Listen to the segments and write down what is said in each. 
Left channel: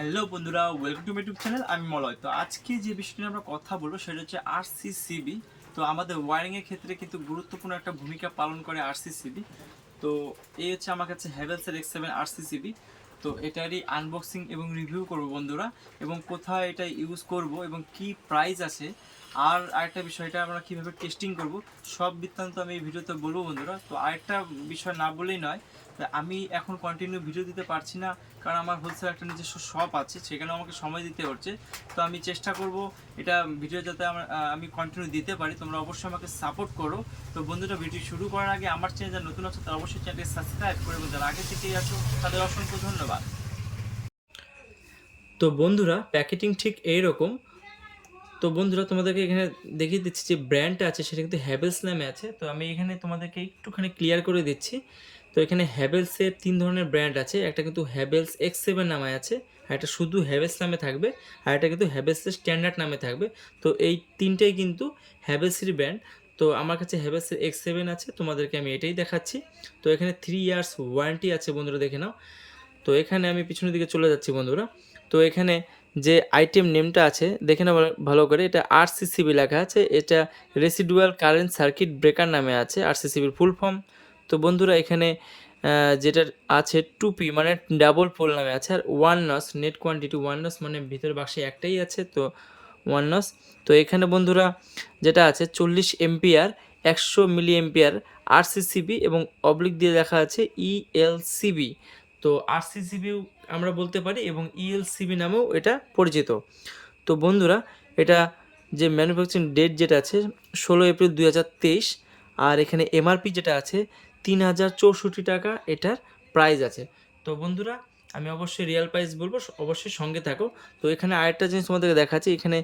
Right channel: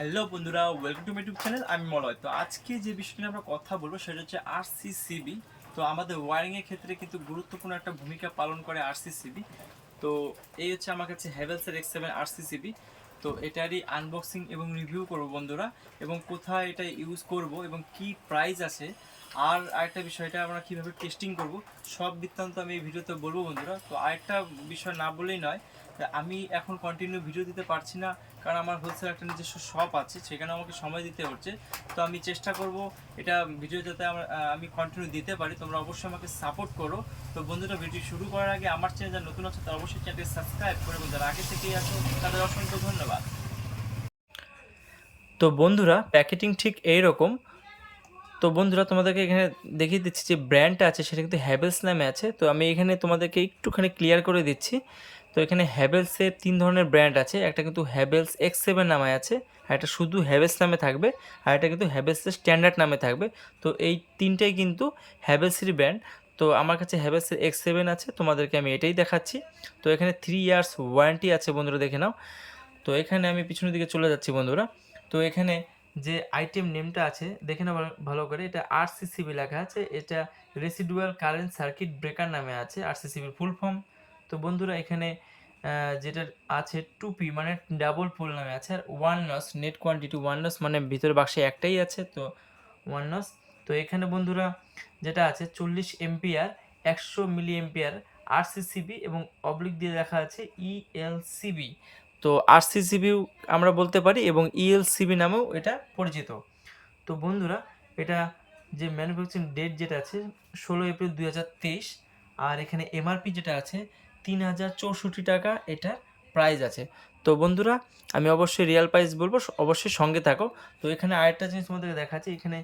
Hello বন্ধুরা, welcome to my YouTube channel. আমি মলয়। তো আজকে যে বিষয়টি নিয়ে আমরা কথা বলবো সেটা হচ্ছে আরসিসিবি। তো আমাদের ওয়ারিংয়ের ক্ষেত্রে কিন্তু গুরুত্বপূর্ণ একটা ভূমিকা পালন করে আরসিসিবি। তো এই হচ্ছে আমার কাছে হ্যাভেলসের X7 আরসিসিবি। তো এটারই আনবক্সিং এবং রিভিউ করব বন্ধুরা, এবং কোথায় এটা ইউজ করব এবং কি প্রাইস আছে, আর আরেকটা বিষয়টা আমরা কীভাবে টেস্টিং করব, সব বৃত্তান্ত আমি এই ভিডিওতে বলবো বন্ধুরা। তো আরেকটা বিষয় না বললেই নয়, আমি এখন কন্টিনিউ ভিডিও দিতে পারছি না, কারণ আমার হোলসেল একটা নিজস্ব শপ আছে, সেখানে আমাকে সময় দিতে হচ্ছে। তো আমি চেষ্টা করব এটা ভিডিও যাতে আমি কন্টিনিউ দিতে পারি। তোমরা অবশ্যই আমাকে সাপোর্ট করো। তো বন্ধুরা, ভিডিও শুরু করার আগে আমার চ্যানেল যারা নতুন আছে তারা অবশ্যই চ্যানেলটি সাবস্ক্রাইব করে, এবং যারা আগে থেকেই আছো তাদের অসংখ্য ধন্যবাদ। তো বন্ধুরা, প্যাকেটিং ঠিক এইরকম। তো বন্ধুরা, তোমাদেরকে এখানে দেখিয়ে দিচ্ছি যে ব্র্যান্ডটা আছে সেটা কিন্তু হ্যাভেলস নামে আছে। তো আমি এখানে তোমাদেরকে একটুখানি ক্লিয়ার করে দিচ্ছি। তো এখানে হ্যাভেলসের 3 ধরনের ব্র্যান্ড আছে। একটা কিন্তু হ্যাভেলস X7 নামে আছে, আর একটা শুধু হ্যাভেলস নামে থাকবে, আর একটা কিন্তু হ্যাভেলসের স্ট্যান্ডার্ড নামে থাকবে। তো এই তিনটেই কিন্তু হ্যাভেলসেরই ব্র্যান্ড। তো আমার কাছে হ্যাভেলসের X7 আছে, তোমাদেরকে আমি এটাই দেখাচ্ছি। তো এখানে 3 ইয়ার্স ওয়ারেন্টি আছে বন্ধুরা, দেখে নাও। তো এখানে আমি পিছনের দিকে চলে যাচ্ছি বন্ধুরা। তো এখানে যে আইটেম নেমটা আছে দেখে নাও ভালো করে, এটা আরসিসিবি লেখা আছে। এটা রেসিডুয়াল কারেন্ট সার্কিট ব্রেকার নামে আছে, আরসিসিবির ফুল ফর্ম। তো বন্ধুরা, এখানে যেটা আছে 2P মানে ডাবল পোল নামে আছে, আর 1 নস নেট কোয়ান্টিটি 1 নস মানে ভিতরে বাক্সে একটাই আছে, তো 1 নস। তো এখানে বন্ধুরা যেটা আছে 40 এম্পিয়ার 100 মিলি এম্পিয়ার আরসিসিবি, এবং অবলিক দিয়ে লেখা আছে ইএলসিবি। তো আরসিসিবিও আমরা বলতে পারি, এবং ইএলসিবি নামেও এটা পরিচিত। তো বন্ধুরা, এটা যে ম্যানুফ্যাকচারিং ডেট যেটা আছে 16 এপ্রিল 2023, আর এখানে এমআরপি যেটা আছে 3064 টাকা এটার প্রাইস আছে। তো বন্ধুরা, আমি অবশ্যই রিয়েল প্রাইস বলবো, অবশ্যই সঙ্গে থাকো। তো এখানে আরেকটা জিনিস তোমাদেরকে দেখাচ্ছি, এখানে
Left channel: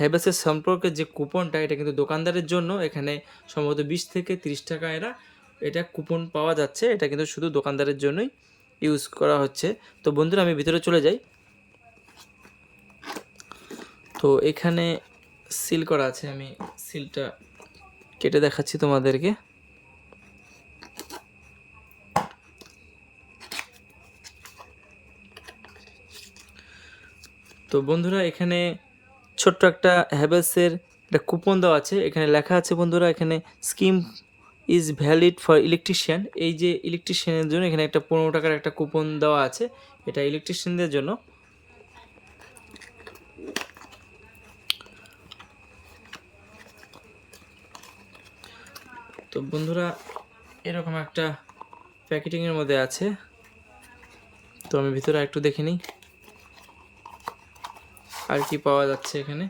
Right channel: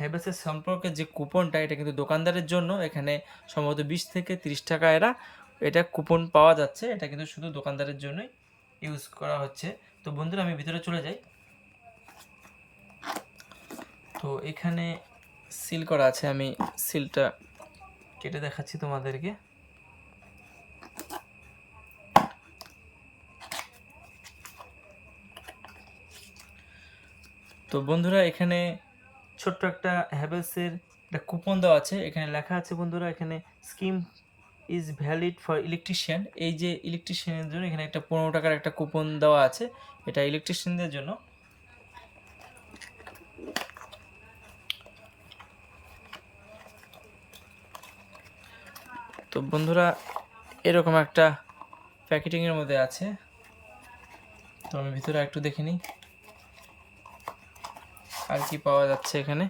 হ্যাভেলসের সম্পর্কে যে কুপনটা, এটা কিন্তু দোকানদারের জন্য। এখানে সম্ভবত 20 থেকে 30 টাকা এটা কুপন পাওয়া যাচ্ছে। এটা কিন্তু শুধু দোকানদারের জন্যই ইউজ করা হচ্ছে। তো বন্ধুরা, আমি ভিতরে চলে যাই। তো এখানে সিল করা আছে, আমি সিলটা কেটে দেখাচ্ছি তোমাদেরকে। তো বন্ধুরা, এখানে ছোট্ট একটা হ্যাভেলসের একটা কুপন দেওয়া আছে। এখানে লেখা আছে বন্ধুরা, এখানে scheme is valid for electrician. এই যে ইলেকট্রিশিয়ানের জন্য এখানে একটা 15 টাকার একটা কুপন দেওয়া আছে, এটা ইলেকট্রিশিয়ানদের জন্য। তো বন্ধুরা, এরকম একটা প্যাকেটিংয়ের মধ্যে আছে। তো আমি ভিতরে একটু দেখে নিই আর কি পাওয়া যাচ্ছে এখানে।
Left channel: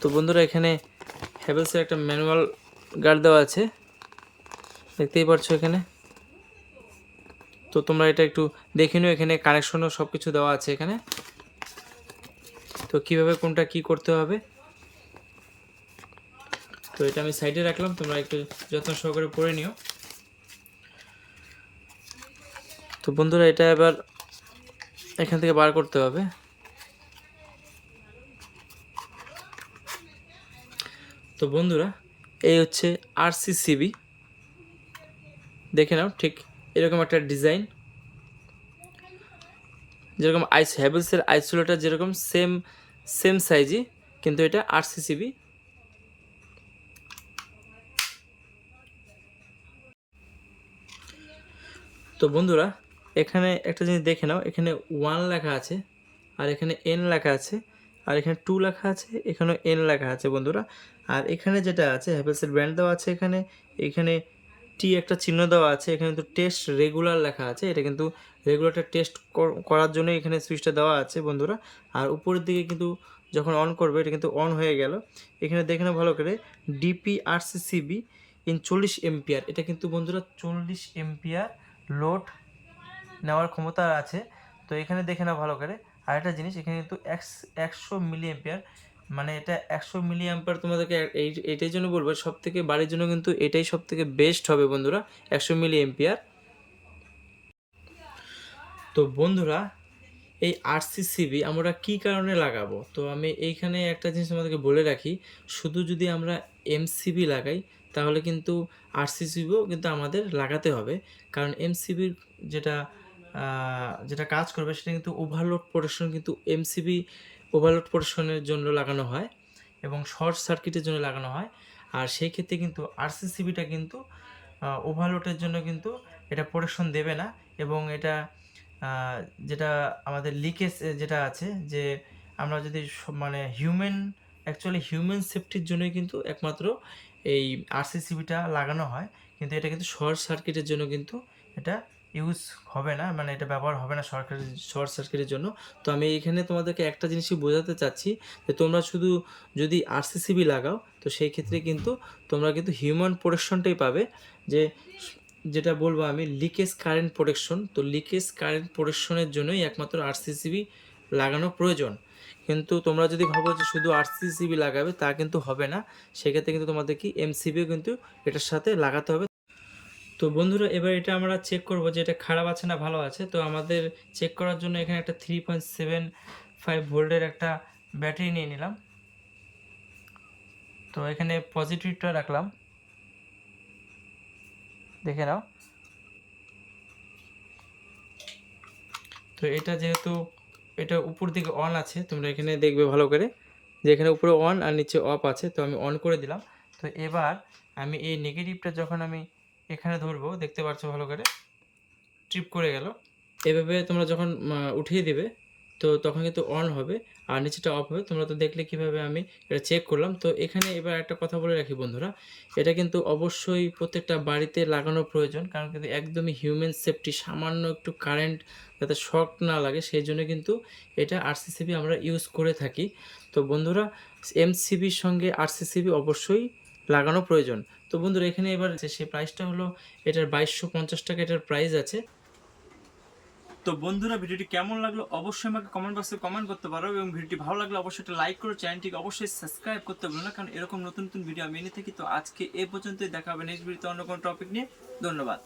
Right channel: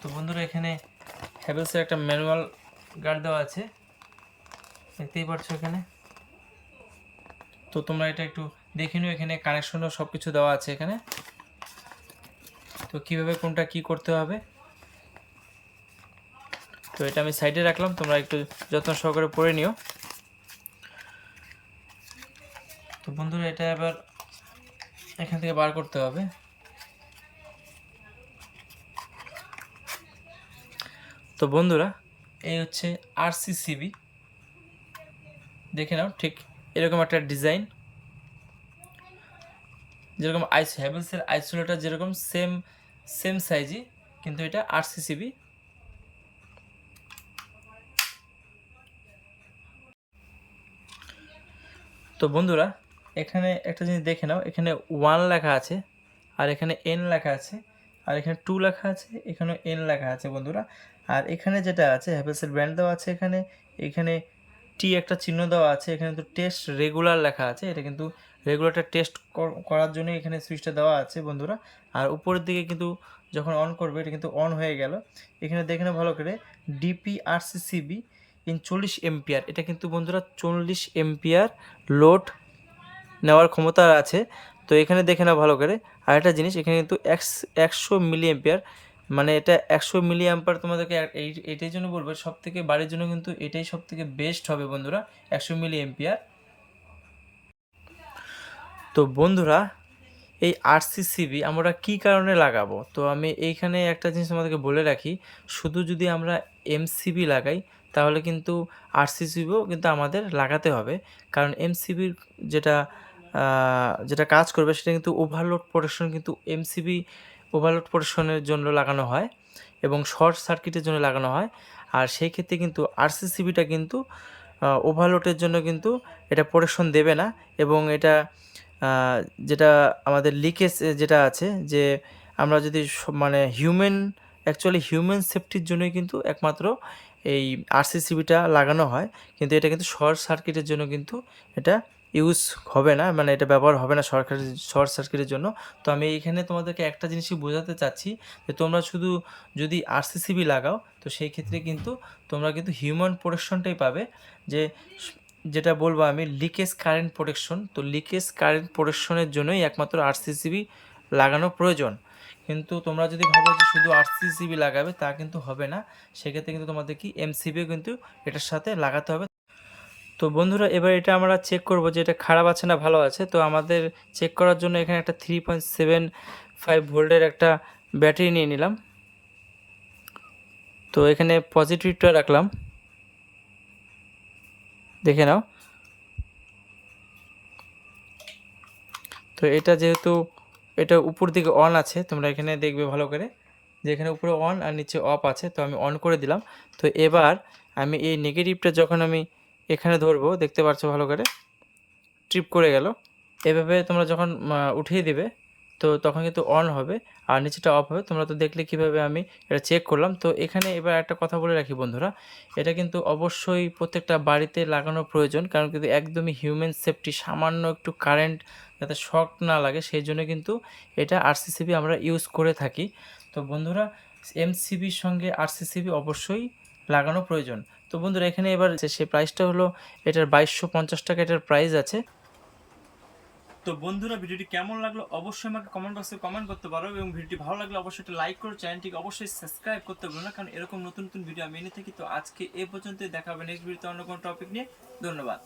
তো বন্ধুরা, এখানে হ্যাভেলসের একটা ম্যানুয়াল গার্ড দেওয়া আছে, দেখতেই পাচ্ছ এখানে। তো তোমরা এটা একটু দেখে নিও, এখানে কানেকশনও সব কিছু দেওয়া আছে এখানে। তো কীভাবে কোনটা কি করতে হবে, তো এটা আমি সাইডে রাখলাম, তোমরা একটু যত্ন সহকারে পড়ে নিও। তো বন্ধুরা, এটা এবার এখান থেকে বার করতে হবে। তো বন্ধুরা, এই হচ্ছে আরসিসিবি, দেখে নাও ঠিক এরকম একটা ডিজাইন, যেরকম হ্যাভেলসের আইসোলেটার যেরকম সেম সাইজই, কিন্তু এটা আরসিসিবি। তো বন্ধুরা, এখানে একটা জিনিস দেখে নাও, এখানে 1 লেখা আছে, আর এখানে N লেখা আছে, আর এখানে 2 লেখা আছে, এখানেও N লেখা আছে বন্ধুরা। আর এখানে যেটা আছে হ্যাভেলসের ব্র্যান্ড দেওয়া আছে, এখানে টি একটা চিহ্ন দেওয়া আছে, এখানে কিন্তু টেস্ট রেগুলার লেখা আছে। এটা কিন্তু রেগুলারটা টেস্ট করার জন্য এখানে সুইচটা দেওয়া আছে বন্ধুরা। আর উপরের দিকে কিন্তু যখন অন করবে এটা কিন্তু অন হয়ে গেল। এখানে দেখে নাও ভালো করে, ডিপিআরসিসিবি ইন 40 এম্পিয়ার। এটা কিন্তু বন্ধুরা 40 এম্পিয়ার লোড নেওয়ার ক্ষমতা আছে। তো এখানে দেখে নাও ভালো করে। আর একটা জিনিস, এখানে কিন্তু 100 মিলি এম্পিয়ার, মানে এটা 100 মিলি অ্যাম্পিয়ার। তোমাদেরকে এইটাই জন্য বলবো, সব থেকে বাড়ির জন্য কিন্তু এটাই সব থেকে বেস্ট হবে বন্ধুরা, 100 মিলি এম্পিয়ার। তো বন্ধুরা, এই আরসিসিবি আমরা কি কারণে লাগাবো, তো আমি এইখানে একটা জিনিস আমাদেরকে বলে রাখি, শুধু যদি আমরা এমসিবি লাগাই তাহলে কিন্তু আরসিসিবিও কিন্তু আমাদের লাগাতে হবে। কারণ এমসিবির যেটা যেটা কাজ করবে সেটা কিন্তু ওভারলোড প্রোটেকশন, কিন্তু এমসিবি ওভারলোড প্রোটেকশনের জন্য লাগানো হয় এবং শর্ট সার্কিটের জন্য লাগানো হয়। আর সেই ক্ষেত্রে কিন্তু আরসিসিবিটা কিন্তু ওভারলোডের জন্য কিন্তু এটা প্রোটেকশন দেবে না। এবং এটা যেটা আমাদের লিকেজ যেটা আছে, যে আমরা যদি মানে অ্যাকচুয়ালি হিউম্যান সেফটির জন্যই কিন্তু একমাত্র এই আরসিসিবিটা লাগানো হয়, কিন্তু এটা কিন্তু শর্ট সার্কিটের জন্য কিন্তু এটা ইউজ হবে না, মানে এটা ব্যবহার হবে না শর্ট সার্কিটের জন্য। তো আমি এইখানে তোমাদেরকে একটা জিনিসই বোঝাতে চাচ্ছি, যে তোমরা শুধু যদি আরসিসিবি লাগাও তো সেই ক্ষেত্রে কিন্তু তোমরা কিন্তু হিউম্যান প্রোটেকশনটাই পাবে। যেটা বলবো আমি লিকেজ কারেন্ট প্রোটেকশন, তো লিকেজ কারেন্ট প্রোটেকশনের জন্যই একমাত্র আরসিসিবি লাগানো প্রয়োজন। কিন্তু তোমরা যদি ভাবো যে শুধু আরসিসিবি লাগাবে, তা কিন্তু হবে না। সেক্ষেত্রে কিন্তু তোমাদের কি এমসিবিও কিন্তু এটার সাথে লাগাতে হবে। তো বন্ধুরা, এবার এটা আমরা চেক করব যে এটা খারাপ আছে না ভালো আছে। তো আমাদের চেক করার জন্য এখানে একটা 3.75 ভোল্টের একটা ব্যাটারি নিয়ে নিলাম। তো এখানে পজিটিভটা রাখলাম, দেখে নাও। তো এটা যেহেতু এটা উপর দিকে অন আছে, তোমরা এখানে দেখবে ভালো করে যে এখানে উপরে অন আর নিচে অফ আছে। তো আমি অন করে দিলাম। তো এবার আমি এই নেগেটিভটা যখন আমি এখানে ধরবো, দেখতে পাচ্ছ ভালো করে ট্রিপ করে গেল। এভাবে তোমরা যখন উঠিয়ে দেবে তো তখন কিন্তু অন হবে আর নিচেটা অফ হবে। তোমরা তো দেখলে কীভাবে আমি এটা চেক করলাম। তো এখানে এবার একটা কথা বলে রাখি বন্ধুরা, এটা কিন্তু অবশ্যই প্রত্যেকটা বাড়িতে লাগানো প্রয়োজন, কারণ কিন্তু একদমই হিউম্যান সেফটি, সামান্য একটু কারেন্ট যাতে শক না লাগে সেই জন্য কিন্তু এটা আরসিসিবি আমরা ইউজ করে থাকি। তো বন্ধুরা, এমসিবির সঙ্গে আরসিসিবি অবশ্যই লাগানো প্রয়োজন। তো বন্ধুরা, এখানে এবার সেই প্রাইসটা হলো এটার 2250 টাকা এটার প্রাইস আছে। তো বন্ধুরা, ভিডিওটি কেমন লাগলো অবশ্যই আমাকে কমেন্ট বক্সে কমেন্ট করতে পারো, এবং ভিডিওটি ভালো লাগলে অবশ্যই একটা লাইক করো, চ্যানেলটিকে অবশ্যই সাবস্ক্রাইব করতে ভুলো না, কারণ এরকম নতুন নতুন ভিডিও আমি এনে থাকি। তো আজকে এই পর্যন্তই, দেখা হবে নেক্সট ভিডিওতে অন্য কোনো টপিক নিয়ে। ধন্যবাদ।